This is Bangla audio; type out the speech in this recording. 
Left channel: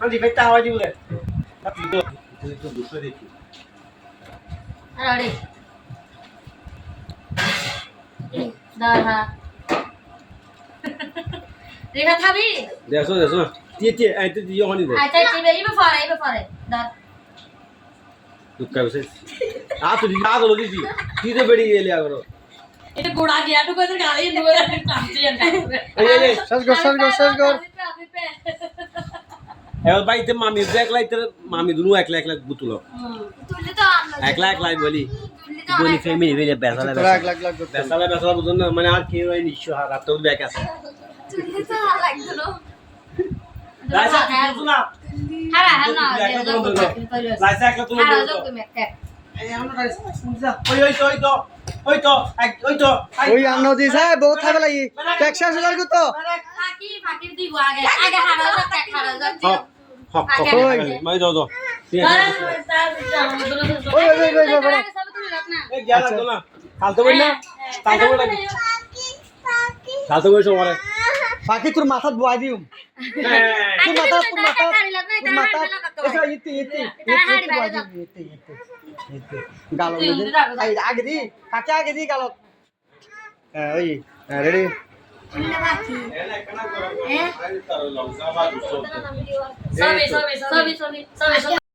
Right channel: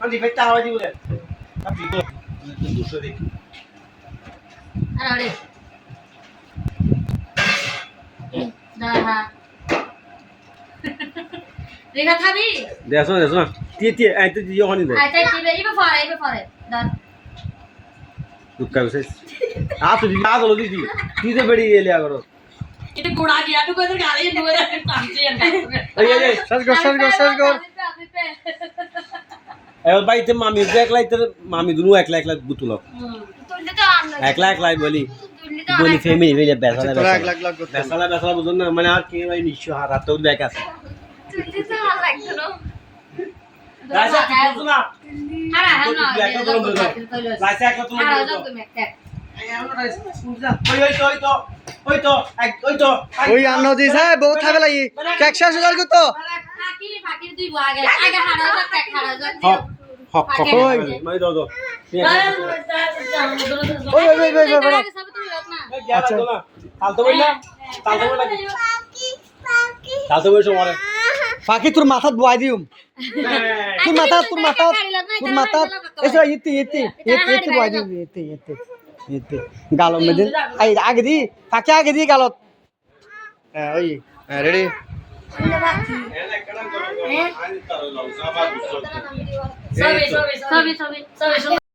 আমি ফেটা হয় দিলে আপনি তো দুশো দেখি আরে দাহা রেখা খাবি দেখো দেখো টিয়ে আই তো দিও হনি আচ্ছা ইবে পরে দাঁত দুঃখা বসে তো দিদি দিদি বেড়ি গেলে আগরো এটা গোড়া গিয়া তো কইতে গালি নুয়ে টানছি আর এই শেষ কর এবার বাইতে মামি একলাই তোর মামি দুনু একলা একলা গুতুলো তুললে তো একলা বলি তুললে তো বলি ফ্যামিলি হইলে বেসালা তোরা এক লাখ লাখ করতে বেসালা বুঝুন না মানে আর কি ওই নিশ্চয় হাত তো ব্যাক আছে তুললে তো লাগতো লাইসা তুই না হারা হারা না লাইসা একলা তুমি হারা যাও তুমি একটা ওই আন্ন দিছে বহুত থাকে লাগি ট্যাক্স হাজার কত ফাকির দুই আগে হারা যাও এক হারা যাও ওই মাই দাও ওই বড় আচ্ছা কালতে বই না কালতে বই সবারে বাকি তোর মাথা ধোয়াই দিউম তোর মাথা এসো ইতি ধোয়াই দিউম ইতি গালত মধ্যে আই আগে দি কাকে আগে দি গালত ওই রেডি সবই